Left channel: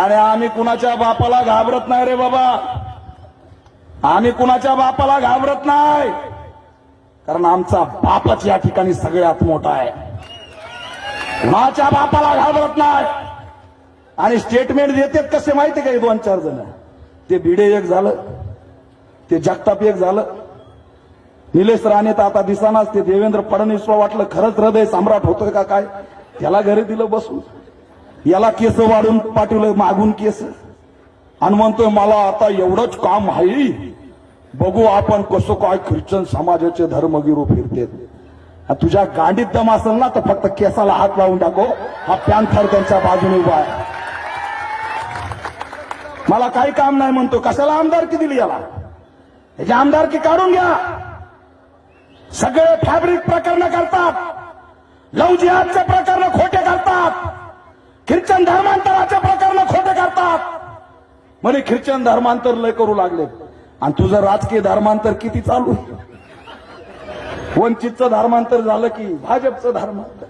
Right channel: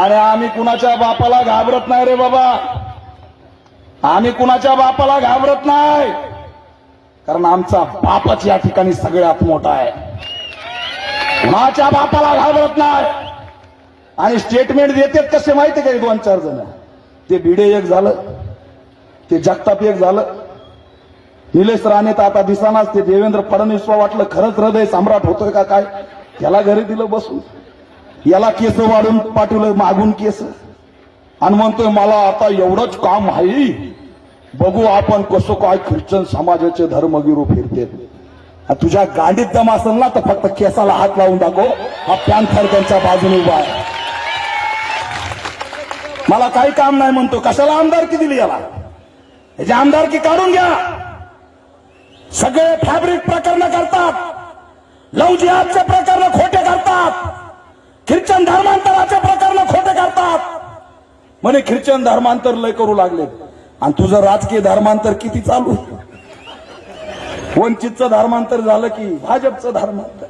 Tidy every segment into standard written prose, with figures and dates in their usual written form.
आणि आम्ही कुणाच्या बापाला घाबरत नाही रे बाबा. आम्ही कुणाच्या बापाला घाबरत नाही, कारण आमचा बापच या ठिकाणी सगळ्यात मोठा आहे. कुणाच्या बापाला घाबरत नाही. आणि स्टेटमेंट देतात कसे माहिती का? 2-4 जण. ते भिडे एक झालं, ते जगताप एक झालं, निलेश राणे तर आता दिसानाच. ते देवेंद्र फडणवीसला वाटलं खरंच हृदय सम्राट होतोय का काय, त्याला घरी दिलं बसून. याला केस वाढून पाठवलं मागून केस, आणि म्हणतोय मला आता एवढंच काम आहे, बघू आपण कसं काय ख्रिश्चन समाजाचे धर्मगिरू फिरते. तुझ्या गांडीत दम असेल ना तर फक्त केसाला हात लावून दाखव. हा पॅन्थर त्यांच्या बाजूने उभा आहे. मला काही काम नाही म्हणतो. कशाला आमदारकी दिली याला? याची आमदारकी काढून घ्या. सगळे फॅब्रिक प्रकरण करतात, लव जिहादचे प्रकरण खोटे करतात, ख्रिश्चन धर्मांतराचे प्रकरण खोटे करतात. म्हणे ख्रिश्चन धर्मांतर लय करू लागले. आणि तुझं राजकीय धर्मांतर किती चालू? वंचितचं धर्मांतर झालं की भाजपचं धर्मांतर.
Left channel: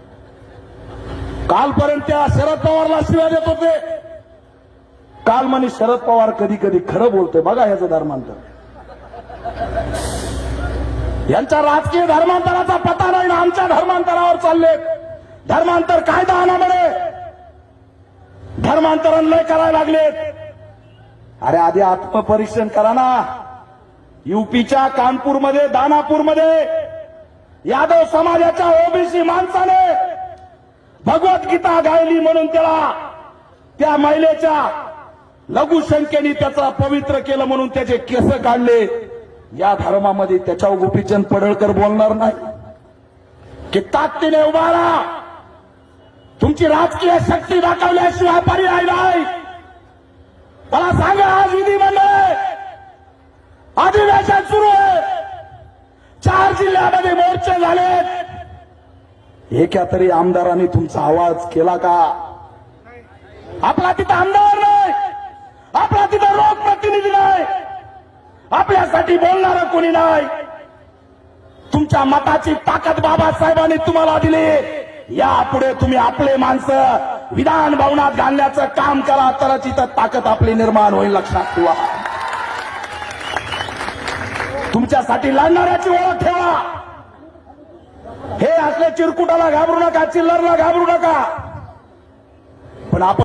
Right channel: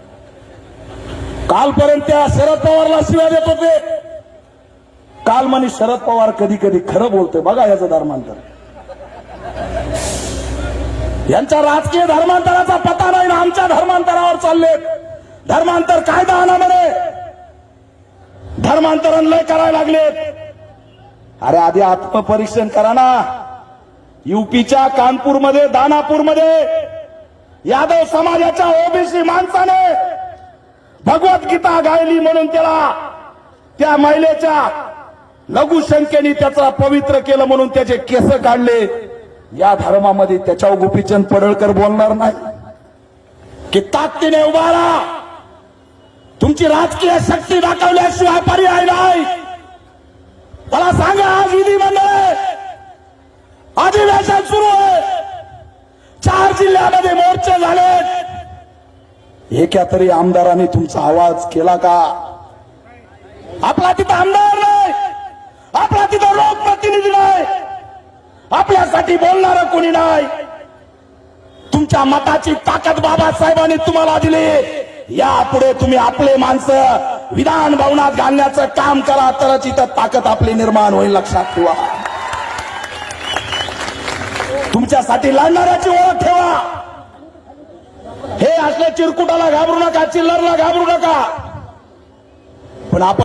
कालपर्यंत त्या शरद पवारला शिव्या देत होते. काल म्हणे शरद पवार कधी कधी खरं बोलतोय. बघा याचं धर्मांतर. यांच्या राजकीय धर्मांतराचा पत्ता नाही ना आमच्या धर्मांतरावर चालले. धर्मांतर कायदा आणामध्ये धर्मांतरण लय करायला लागले. अरे आधी आत्मपरीक्षण करा ना. यूपीच्या कानपूरमध्ये, दानापूरमध्ये यादव समाजाच्या ओबीसी माणसाने भगवद्गीता गायली म्हणून त्याला, त्या महिलेच्या लघुशंकेने त्याचा पवित्र केलं म्हणून त्याचे केस काढले. या धर्मामध्ये त्याच्यावर गोपीचंद पडळकर बोलणार नाही की ताकदीने उभा राहा. तुमची राजकीय शक्ती दाखवल्याशिवाय पर्याय नाही. त्याला सांगा आज विधिमंडळ अधिवेशन सुरू आहे. 4 जिल्ह्यामध्ये मोर्चे झाले. एका तरी आमदारांनी तुमचा आवाज केला का? आपला तिथं आमदार नाही, आपला तिथं लोकप्रतिनिधी नाही, आपल्यासाठी बोलणारं कोणी नाही. तुमच्या मताची ताकद बाबासाहेबांनी तुम्हाला दिली. यापुढे तुम्ही आपले माणसं विधान भवनात घालण्याचं काम करा, तरच इथं ताकद आपली निर्माण होईल. लक्षात ठेवा. तुमच्यासाठी लढणाऱ्याची ओळख ठेवा. हे असले चिरकुटाला घाबरू नका, चिल्लरला घाबरू नका. पण आपण